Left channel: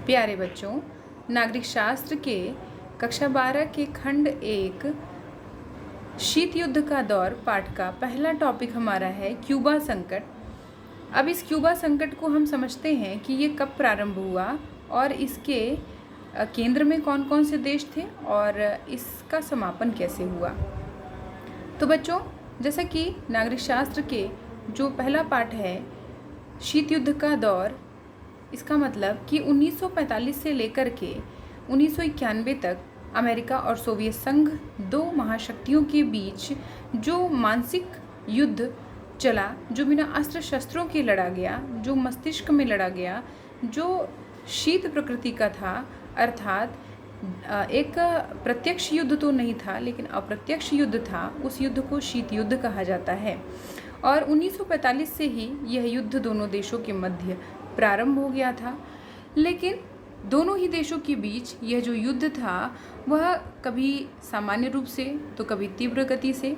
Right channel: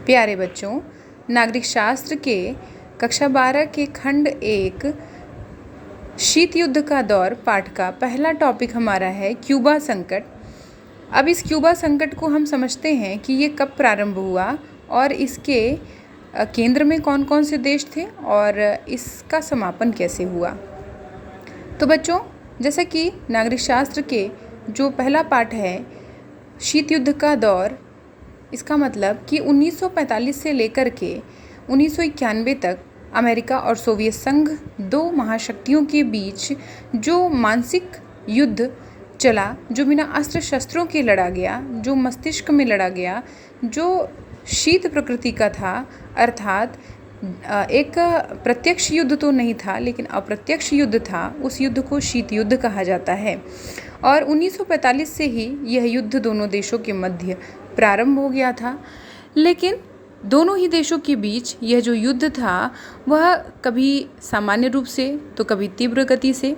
प्यारे बच्चों, नागरिक शास्त्र के कक्षा 12 के खंड 1 शीत युद्ध का दौर पाठ का पहला टॉपिक हमारा है क्यूबा संकट। अब इस क्यूबा संकट को हम समझते हैं कि ये कब प्रारंभ हुआ और इसके केंद्र में कौन कौन से देश थे और इसका समापन कैसे हुआ। तो बच्चों, जैसा कि नागरिक शास्त्र के जो पहला पाठ है शीत युद्ध का दौर, इसका मतलब कि 1945 से लेकर के 1991 तक अमेरिका और सोवियत संघ दो महाशक्तियों के बीच जो मानसिक युद्ध चला, जो बिना अस्त्र शस्त्रों के लड़ा गया, जो मस्तिष्क में लड़ा गया, जो शीत प्रकृति का था, अर्थात एक प्रत्यक्ष युद्ध तो नहीं था लेकिन अप्रत्यक्ष युद्ध था, उस युद्ध को शीत युद्ध कहा जाता है। और 1945 से ही यह युद्ध दोनों देशों के मध्य प्रारंभ हो गया था। लेकिन दोनों ही देशों के बीच यह जो युद्ध था वह कभी सामान्य रूप से तो कभी तीव्र गति से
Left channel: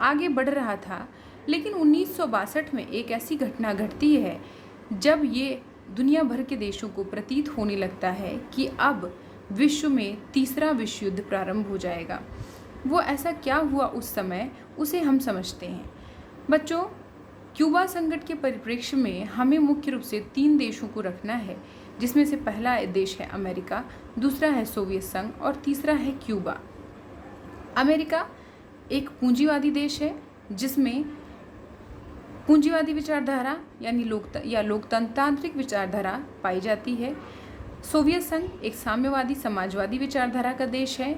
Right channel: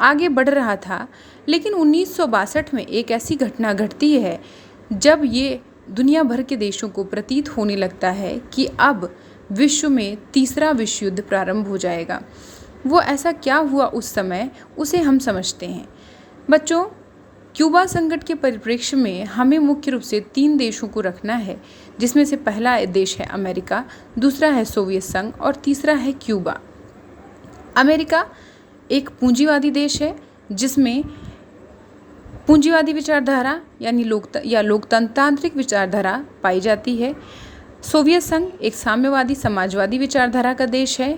आगे बढ़ रहा था। लेकिन 1962 में एक ऐसी घटना घटती है जब ये दुनिया भर के देशों को प्रतीत होने लगता है कि अब विश्व में तीसरा विश्व युद्ध प्रारंभ हो जाएगा। वो ऐसा क्या हुआ उस समय, उसे हम समझते हैं। बच्चों, क्यूबा संकट के परिप्रेक्ष्य में हमें मुख्य रूप से 3 देशों को रखना है, जिसमें से पहला देश है अमेरिका, दूसरा है सोवियत संघ और तीसरा है क्यूबा। अमेरिका एक पूंजीवादी देश है जिसमें पूंजीवादी विचारधारा यानी लोकतांत्रिक विचारधारा पाई जाती है। सोवियत संघ एक साम्यवादी समाजवादी विचारधारा का देश है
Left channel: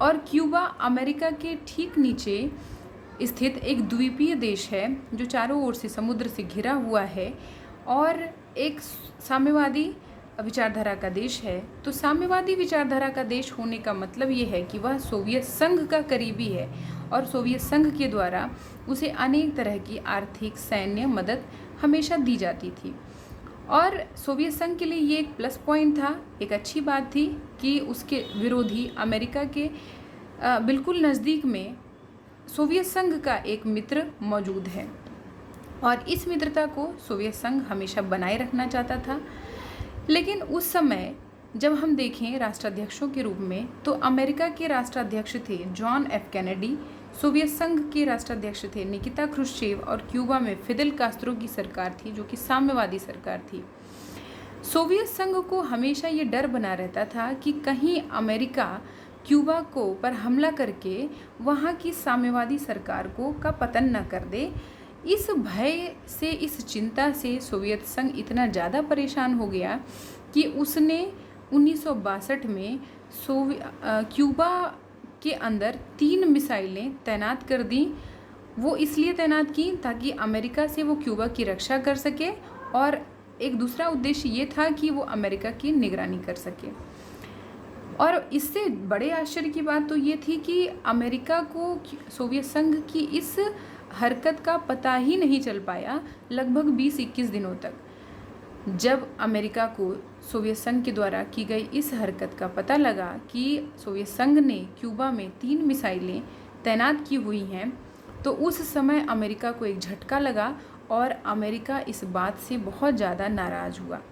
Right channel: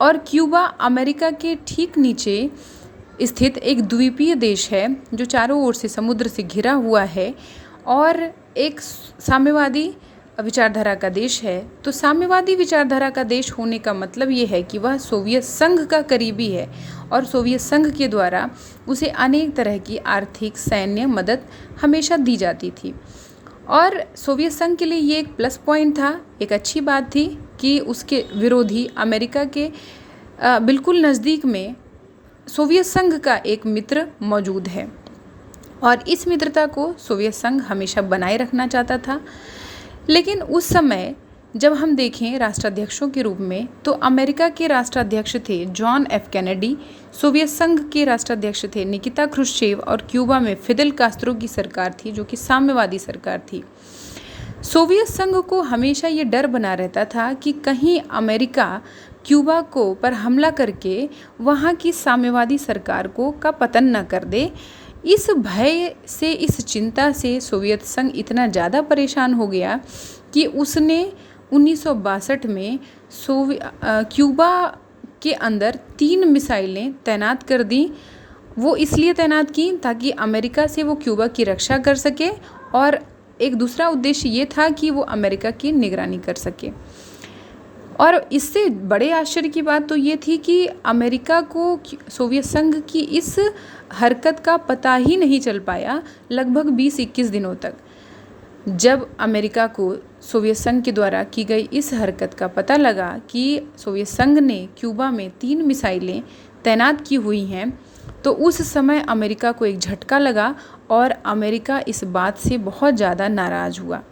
और क्यूबा अमेरिका के ठीक नीचे स्थित एक द्वीपीय देश है जो चारों ओर से समुद्र से घिरा हुआ है और एक साम्यवादी विचारधारा का देश है। तो साम्यवादी विचारधारा का देश होने का मतलब ये है कि वह सोवियत संघ का करीबी है और सोवियत संघ के द्वारा उसे अनेक तरह की आर्थिक सैन्य मदद हमेशा दी जाती थी। और सोवियत संघ के लिए ये एक प्लस पॉइंट था, एक अच्छी बात थी कि उसके विरोधी अमेरिका के बिल्कुल नज़दीक में सोवियत संघ का एक मित्र मौजूद है और इस मित्रता को सोवियत संघ हमेशा बनाए रखना चाहता था। लेकिन उस समय जब हम देखें राष्ट्राध्यक्षों के रूप में तो अमेरिका के राष्ट्राध्यक्ष थे जॉन एफ कैनेडी, सोवियत संघ के राष्ट्राध्यक्ष थे निकिता क्रुश्चेव और क्यूबा में फिदेल कास्त्रो की सरकार थी जो कि साम्यवादी सरकार थी। सोवियत संघ को हमेशा ये डर बना रहता था कि कहीं अमेरिका क्यूबा को पर हमला करके वहाँ की साम्यवादी सरकार को का पतन न कर दे। इस भय से, इस चिंता से सोवियत संघ इतना ज़्यादा परेशान हो गया कि उसने 1962 में क्यूबा के अंदर 3 मिसाइलें तैनात कर दी। वो इसलिए तैनात की ताकि अमेरिका से वो क्यूबा की रक्षा कर सके और एक दूसरा उद्देश्य ये था कि वो अमेरिका की निगरानी कर सके। और इससे बड़े आश्चर्य की बात तो ये थी कि अमेरिका को सोवियत संघ की इस हरकत का पता ही नहीं चल पाया लगभग 20-21 दिनों तक। जब अमेरिका को सोवियत संघ के द्वारा की गई इस हरकत का पता लगा कि सोवियत संघ ने क्यूबा में 3 मिसाइलें तैनात की हुई हैं, तो उस समय अमेरिका को एक झटका लगा और अमेरिका इस बात से बहुत ज़्यादा नाराज़ हुआ।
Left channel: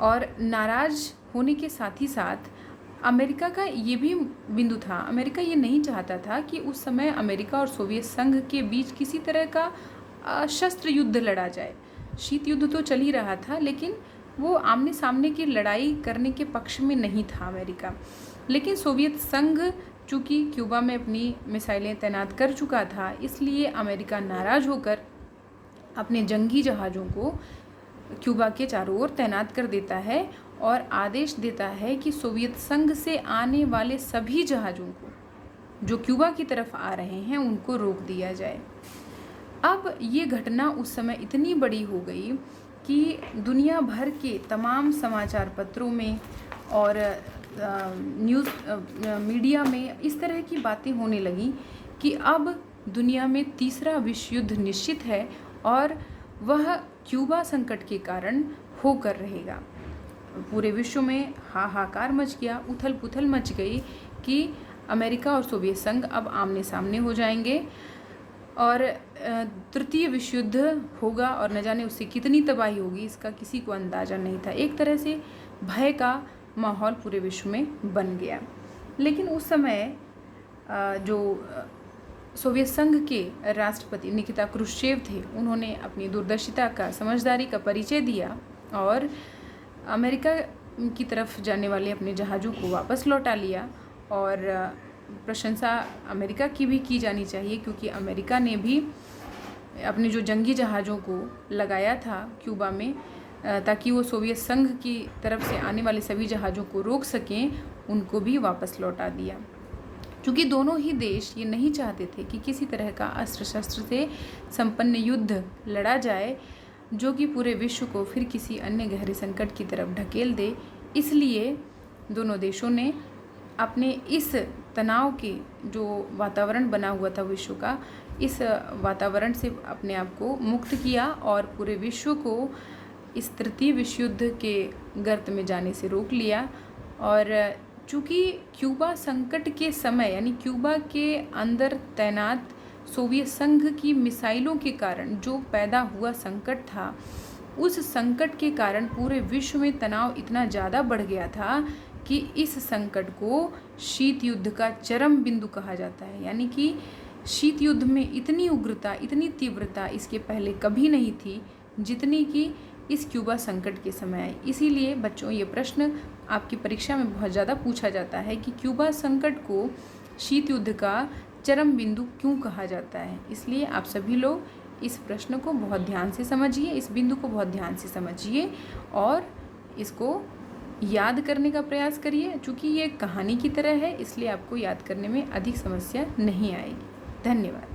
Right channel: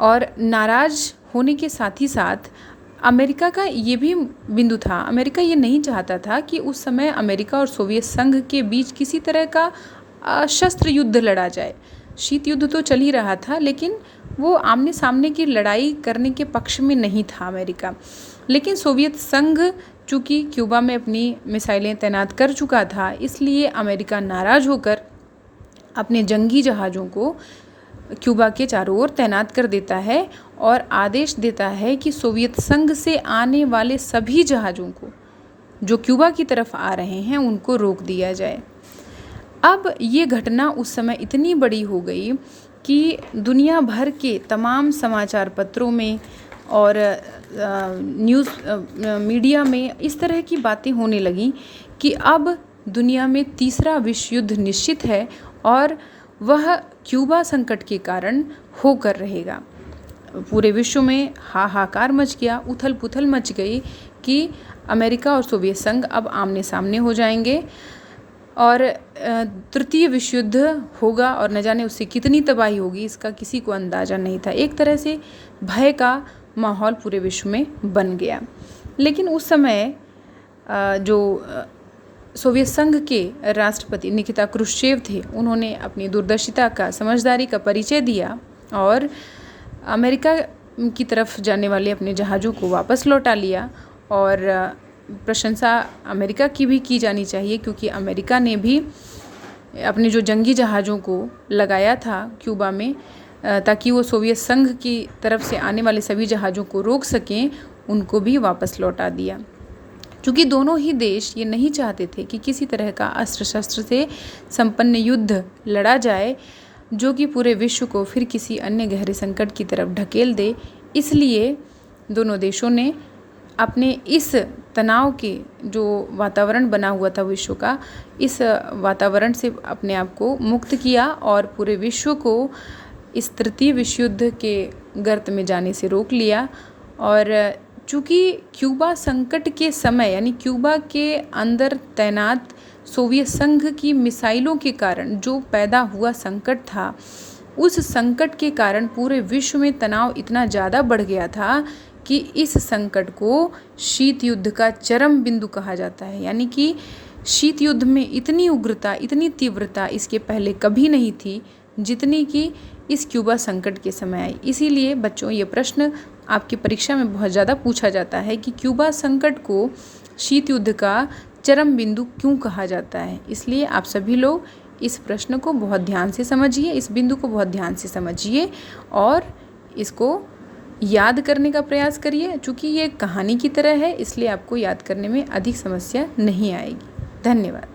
और नाराज़ होने के साथ ही साथ अमेरिका का ये भी बिंदु था, अमेरिका ये नहीं चाहता था कि उस समय अमेरिका और सोवियत संघ के बीच किसी तरह का शस्त्र युद्ध लड़ा जाए। शीत युद्ध तो चल ही रहा था लेकिन वो आमने सामने की लड़ाई करने के पक्ष में नहीं था अमेरिका। लेकिन सोवियत संघ चूँकि क्यूबा में अपनी मिसाइलें तैनात कर चुका था, इसलिए अमेरिका नाराज़ होकर अपने जंगी जहाज़ों को क्यूबा के चारों ओर तैनात कर देता है और आदेश देता है कि सोवियत संघ से आने वाले सभी जहाज़ों को जो क्यूबा की तरफ आ रहे हैं उनको रोक दिया जाए। अब ये घटना उस समय इतनी बड़ी हो गई कि दुनिया भर के तमाम समाचार पत्रों में और न्यूज़ मीडिया में इस तरह की बातें होने लगीं कि अब दुनिया में तीसरा विश्व युद्ध निश्चित है और वह क्यूबा संकट के कारण होकर रहेगा। पूरे विश्व में हाहाकार मच गया, उथल पुथल मच गई कि अमेरिका और सोवियत संघ अब आमने सामने हो जाएंगे और तृतीय विश्व युद्ध होगा और न जाने उससे कितनी तबाही होगी इसका किसी को अंदाज़ा नहीं था। एक तरह से भय का माहौल पूरे विश्व में बन गया। लेकिन उस समय जो सोवियत संघ के राष्ट्रपति निकिता क्रुश्चेव थे, उन्होंने अपनी दूरदर्शिता का, समझदारी का परिचय दिया और अमेरिका की तरफ जाने वाले अपने जहाज़ों को वापस लौटा लिया। और प्रशंसा अमेरिका की भी की जानी चाहिए, क्योंकि अमेरिका ने भी अपने जो जंगी जहाज़ों को लगाया था क्यूबा में ताकि वो सोवियत संघ की तरफ से आने वाले सभी जहाज़ों को रोक सकें, उनको भी वापस लौटा दिया। क्योंकि दोनों ही देश ये नहीं चाहते थे कि किसी तरह का अस्त्र शस्त्र से संपन्न युद्ध लड़ा जाए जो कि पूरे विश्व को फिर किसी अन्य गहरे संकट की तरफ ढकेल दे। इसलिए दोनों देशों ने अपने इस तनाव के जो वातावरण बना हुआ था विश्व का, इस वातावरण से अपने आप को मुक्त किया और पूरे विश्व को इस तृतीय विश्व युद्ध के गर्त में जाने से रोक लिया। और चूँकि क्यूबा संकट के समय, यानी क्यूबा के अंदर तैनात सोवियत संघ की मिसाइलों के कारण जो पैदा हुआ संकट था, उस संकट के कारण पूरे विश्व में तनाव इतना ज़्यादा बढ़ गया था कि इस संकट को शीत युद्ध का चरम बिंदु कहा जाता है। यानी कि शीत युद्ध में इतनी उग्रता, इतनी तीव्रता इसके पहले कभी नहीं थी जितनी कि इस क्यूबा संकट के समय आई। इसीलिए बच्चों, ये प्रश्न आपकी परीक्षा में बहुत ज़्यादा पूछा जाता है कि क्यूबा संकट को शीत युद्ध का चरम बिंदु क्यों कहा जाता है। इसलिए आप सभी लोग इस प्रश्न को बहुत ध्यान से समझिए, इस बिंदु को बहुत ध्यान से समझिए और इसको याद करने का प्रयास करिए। चूँकि ये कहानी की तरह है, इसलिए आपको याद करने में अधिक समस्या नहीं आएगी। धन्यवाद।